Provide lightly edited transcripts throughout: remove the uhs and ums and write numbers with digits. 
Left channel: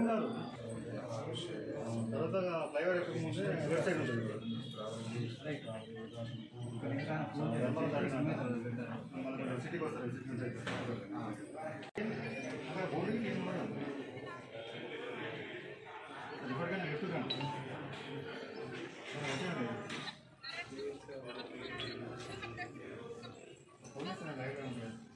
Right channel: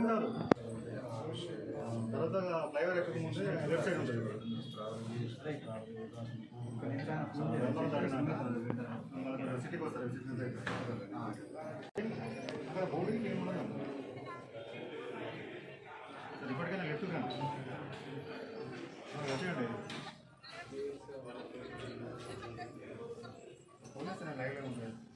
ఉన్నారు తర్వాత ఫ్లైఓవర్ ఎక్కక ముందే లెఫ్ట్ సైడ్ ఉంటుంది సిటీకి వస్తారు బోర్డింగ్ ఏం ఉండదు ఇప్పటికైనా చెప్తున్నాను వచ్చేయండి పోలీసు లైవ్లో ఉంటుంది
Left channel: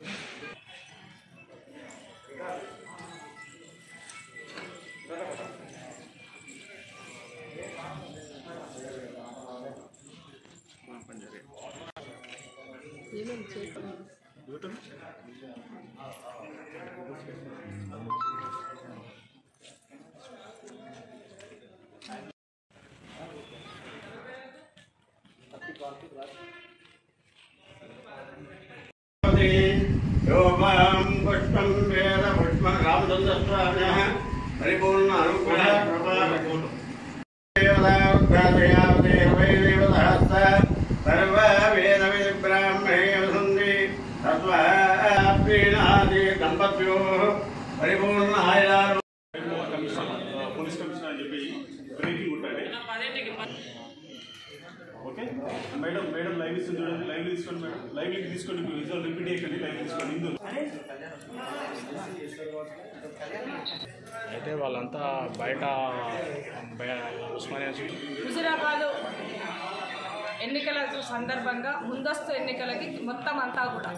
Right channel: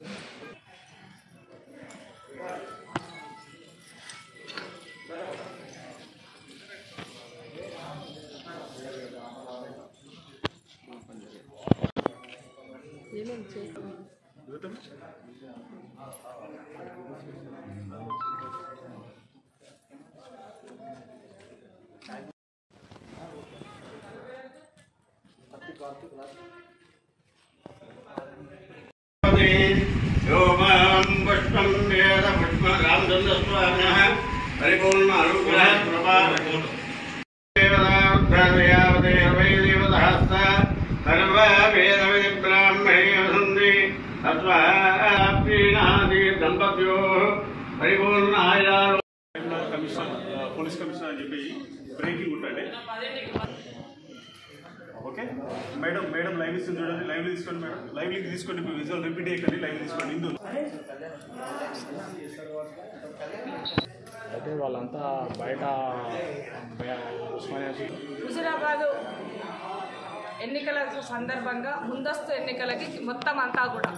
परिपूर्ण పోలీస్ కమిషనర్ అని చెప్పి బ్రేకింగ్ ఉంటుంది. ఓకే మేడం లైవ్ ఇస్తుంది చూడండి, లైవ్ తీసుకోండి మేడం, లైవ్ తీసుకోండి, విజువల్ రిపీట్ చేయకండి, లైవ్ తీసుకోండి. హిందూ అయితే వాళ్ళంతా బయట హుజూరాబాదు ఎన్నికల సందర్భంగా ముందస్తు ఎన్నికలకి మొత్తం అంతా కూడా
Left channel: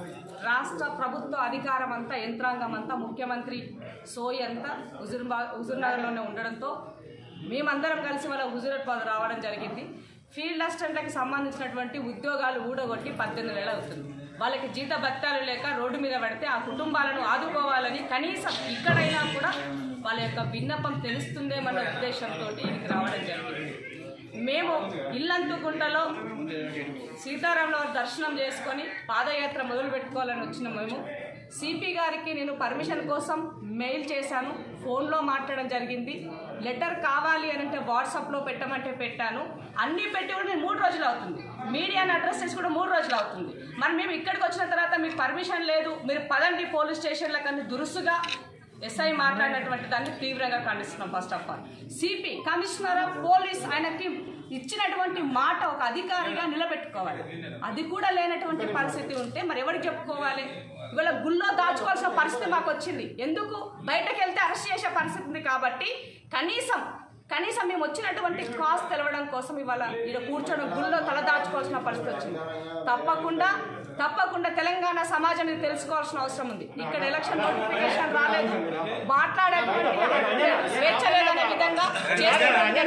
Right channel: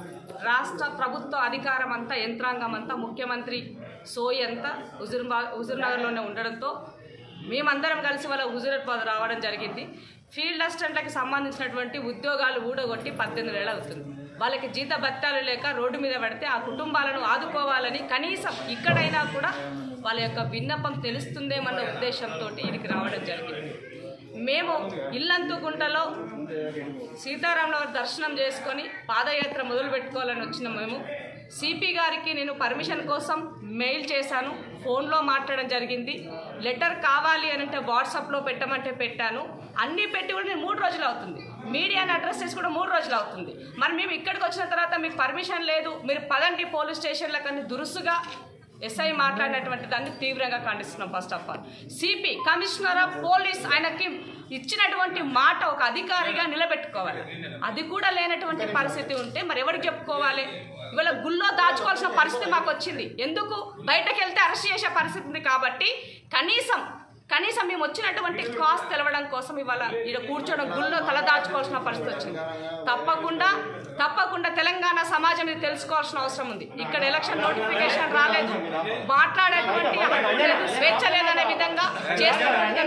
రాష్ట్ర ప్రభుత్వ అధికారం అంతా యంత్రాంగం అంతా ముఖ్యమంత్రి సోయి అంతా హుజూర్నగర్లోనే ఉండడంతో మేమందరం కలిసి వాళ్ళ హుజూరాబాద్ రావడం జరిగింది. ఫీల్డ్ అసిస్టెంట్లకి సంబంధించినటువంటి ఉద్యోగాలు ఊడగొట్టి 18 ఏళ్ళు అవుతుంది. వాళ్ళకి జీత భత్యాలు లేక రోడ్డు మీద పడితే ఆ కుటుంబాలను ఆదుకోవాలని కనీసం ఇక్కడైనా కూడా వాళ్ళ యొక్క విన్నపం తెలుస్తుందేమన్న ఉద్దేశంతో ఇక్కడికి రావడం జరిగింది. మేము ఇల్లంతుకుంటలో సీతారాముల దర్శనం చేసుకొని పాదయాత్ర మొదలు పెట్టుకోవాలని వచ్చిన మేము సిపి గారికి నేను పర్మిషన్ కోసం మెయిల్ చేశాను, ఫోన్లో మాట్లాడడం జరిగింది. లెటర్ కావాలి అని అంటే వాట్సాప్లో పెట్టమంటే పెట్టాను. అన్నీ పెట్టి కూడా నేను 3 రోజులు అవుతుంది. మీడియాని అడ్రస్ చేసి కూడా 3 రోజులు అవుతుంది. మరి మేము ఇక్కడికి వచ్చిన తర్వాత మీకు పర్మిషన్ లేదు, మీరు పదండి పోలీస్ స్టేషన్లకు అని దురుసుగా ఎస్ఐ మాట్లాడినటువంటి దాన్ని తీవ్రంగా ఖండిస్తున్నాం. First of all CP commissioner of police ఆయనకి ఇచ్చినటువంటి మాట ఒక అధికారిగా నిలబెట్టుకోవాలి. అది కూడా లేనటువంటి పరిస్థితి ఉంటే మరి ఎవరికి చెప్పుకోవాలి? ఇవాళ గుళ్ళో దాచుకోవాల్సిన పరిస్థితి మాకు వచ్చింది. ఎందుకు బయటకు వెళ్తే అరెస్ట్ చేసే పరిస్థితి ఉంది. కాబట్టి కనీసం మేము వచ్చినటువంటి కాస్ట్ తెలవడం కోసం ఇవాళ ఇక్కడ కూర్చోవడం గుళ్ళో తల దాచుకోవాల్సిన పరిస్థితి వచ్చింది. తప్పకుండా తెలంగాణ సమాజాన్ని తెలుసుకోవాల్సిన అవసరం ఉంది. ఇక్కడ ఎలక్షన్ నోటిఫికేషన్ రాలేదు, మాట్లాడేటువంటి హక్కు లేదు, స్వేచ్ఛ లేదనే విధంగా చేస్తున్నటువంటి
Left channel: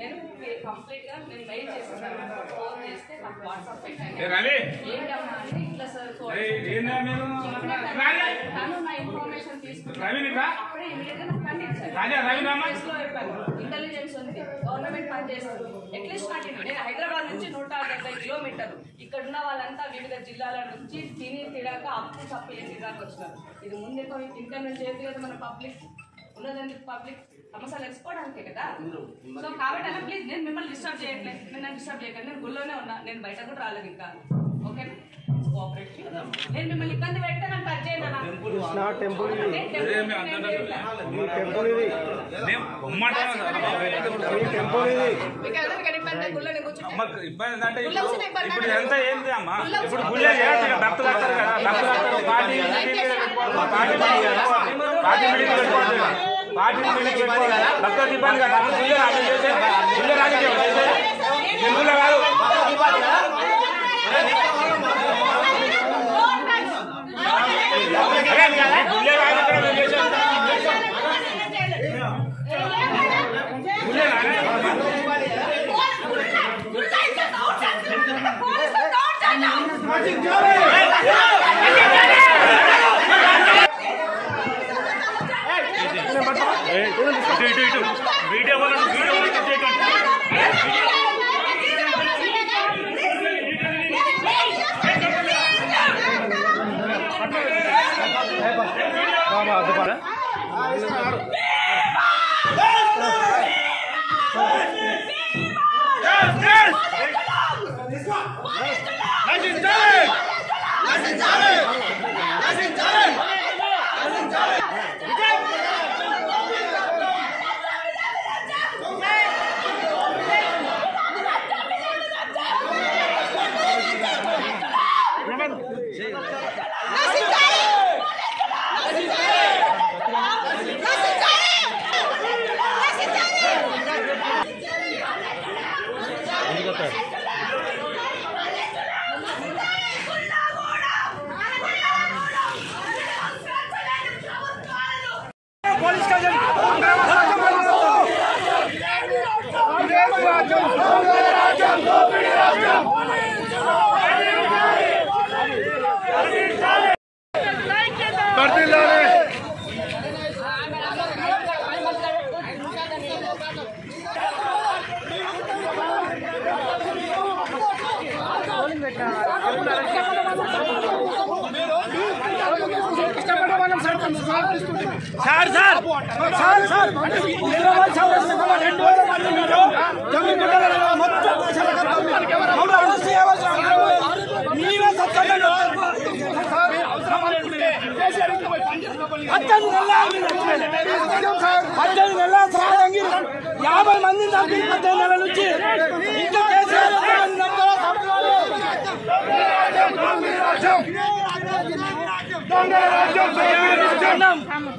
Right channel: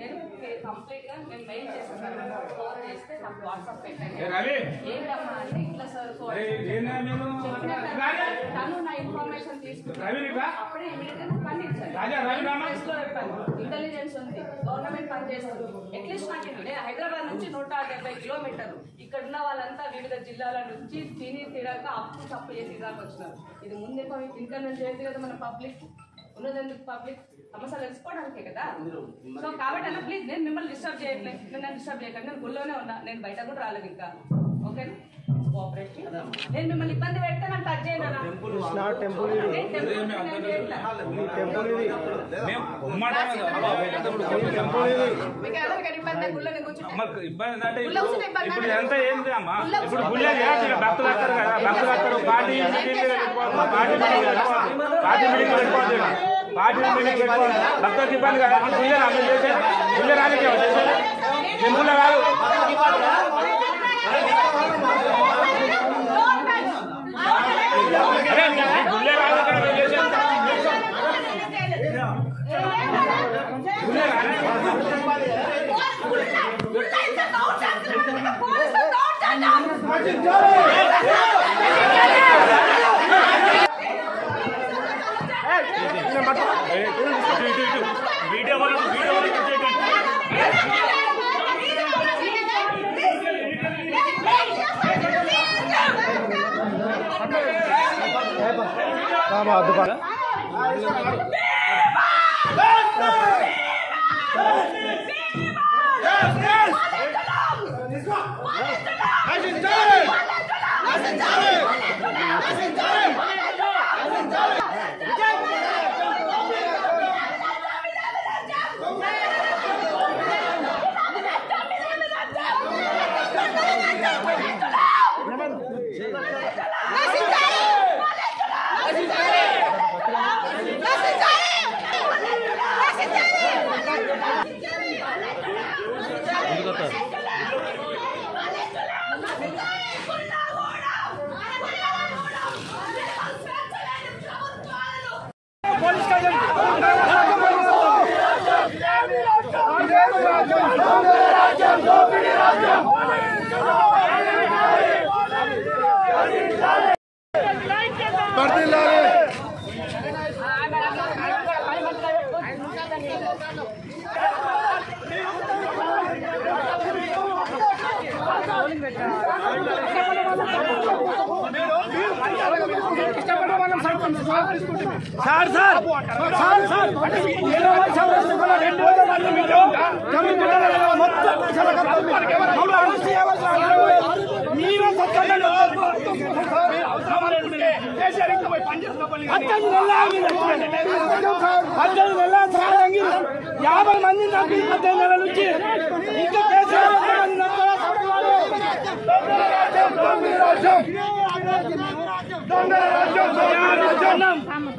నేను కంప్లీట్గా నేను మెయిల్ చేస్తాను సార్, నాకు ఫోన్ చేస్తే నాకు వాట్సాప్ పెట్టండి. ఏంటమ్మా అంటే ఇట్లా సార్ తను నా ఇన్ఫర్మేషన్ తీసుకున్నాను. అప్పుడే ఇమీడియట్గా నాకు ఖండించాను. ఇంటెలిజెన్స్ ఉంది, గవర్నమెంట్ పనిచేస్తుంది. అట్లీస్ట్ నాకు నేను హైదరాబాద్ నుంచి 170 కిలోమీటర్లు, ఇక్కడ ఉన్న వాళ్ళంతా వివిధ జిల్లాల నుంచి తినక అప్పు చప్పు చేసి దాకా వచ్చినారు. ఇది ముందు ఇంకా నేను చేయదు కదా, మన పబ్లిక్ ఉన్నదందుకు పబ్లిక్ సమస్యలు తెలుసుకోవడానికే కదా. సో కాబట్టి అన్న ప్లీజ్, నేను మిమ్మల్ని డిస్టర్బ్ చేయట్లేదు, నన్ను డిస్టర్బ్ చేయకండి. నేను గుళ్ళోనే ఉన్నా, నేను బయట కూడా రాలేదు ఇంకా. ఓకేనా, కోఆపరేటివ్. నేను మిమ్మల్ని ఇబ్బంది పెడితే నన్ను టచ్ చేయండి అన్న. మీకు ఎవరికైనా ఇబ్బంది? గుళ్ళని కూర్చుంటే ఇబ్బంది కదా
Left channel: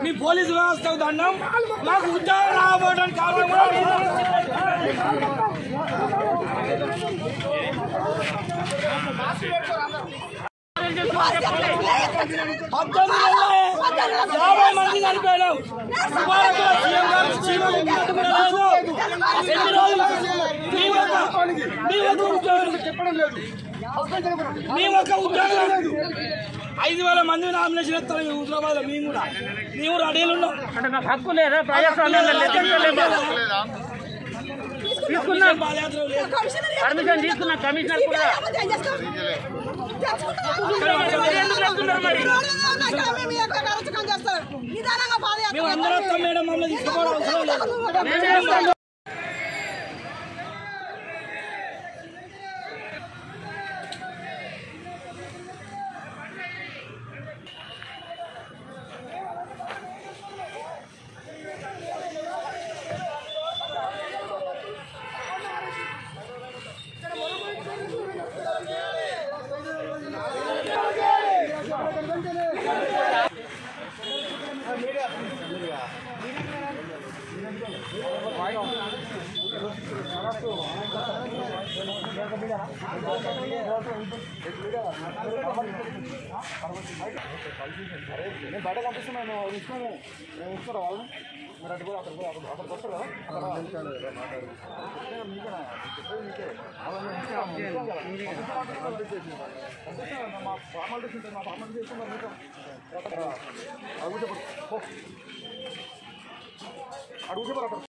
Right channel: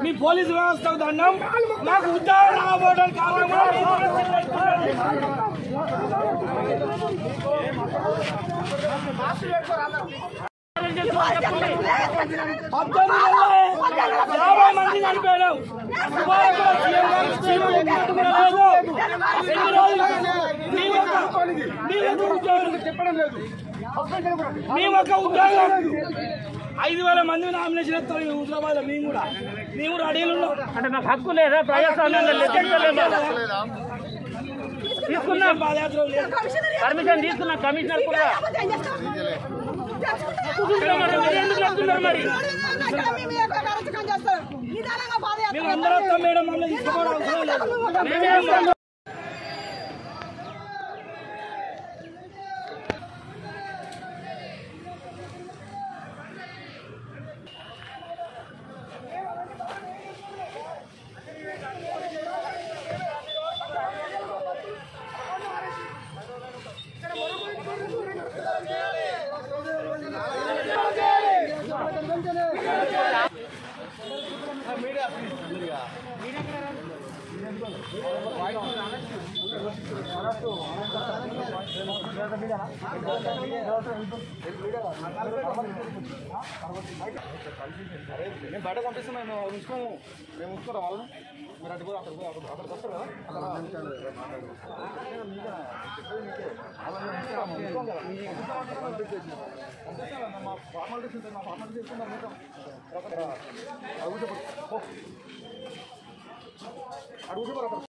మీ పోలీసు వ్యవస్థకు దండం. నాకు ఉద్యోగం రాబోవడానికి కారణం మంది చనిపోయాడు. చెప్పడం లేదు. మేము ఒక ఉద్యోగం 5,000 మంది నామినేషన్ ఇస్తారు హైదరాబాద్ లో. మేము కూడా అడిగిలు ఉన్నాం. అంటే నాకు హక్కు లేదా? తీసుకున్నాం పాదయాత్ర, పర్మిషన్ తీసుకున్నాం. కమిషనర్ మేము అందరూ వస్తాం మేడం, మమ్మల్ని తీసుకోవడం అవసరం లేదు. బయట పంపిస్తున్నాను. మరి అటు కూడా అక్కడ వస్తారు కదా మా ఫార్మాలిటీస్ ఉంటాయి మా ఫార్మాలిటీ చేస్తున్నారు అడుగుతే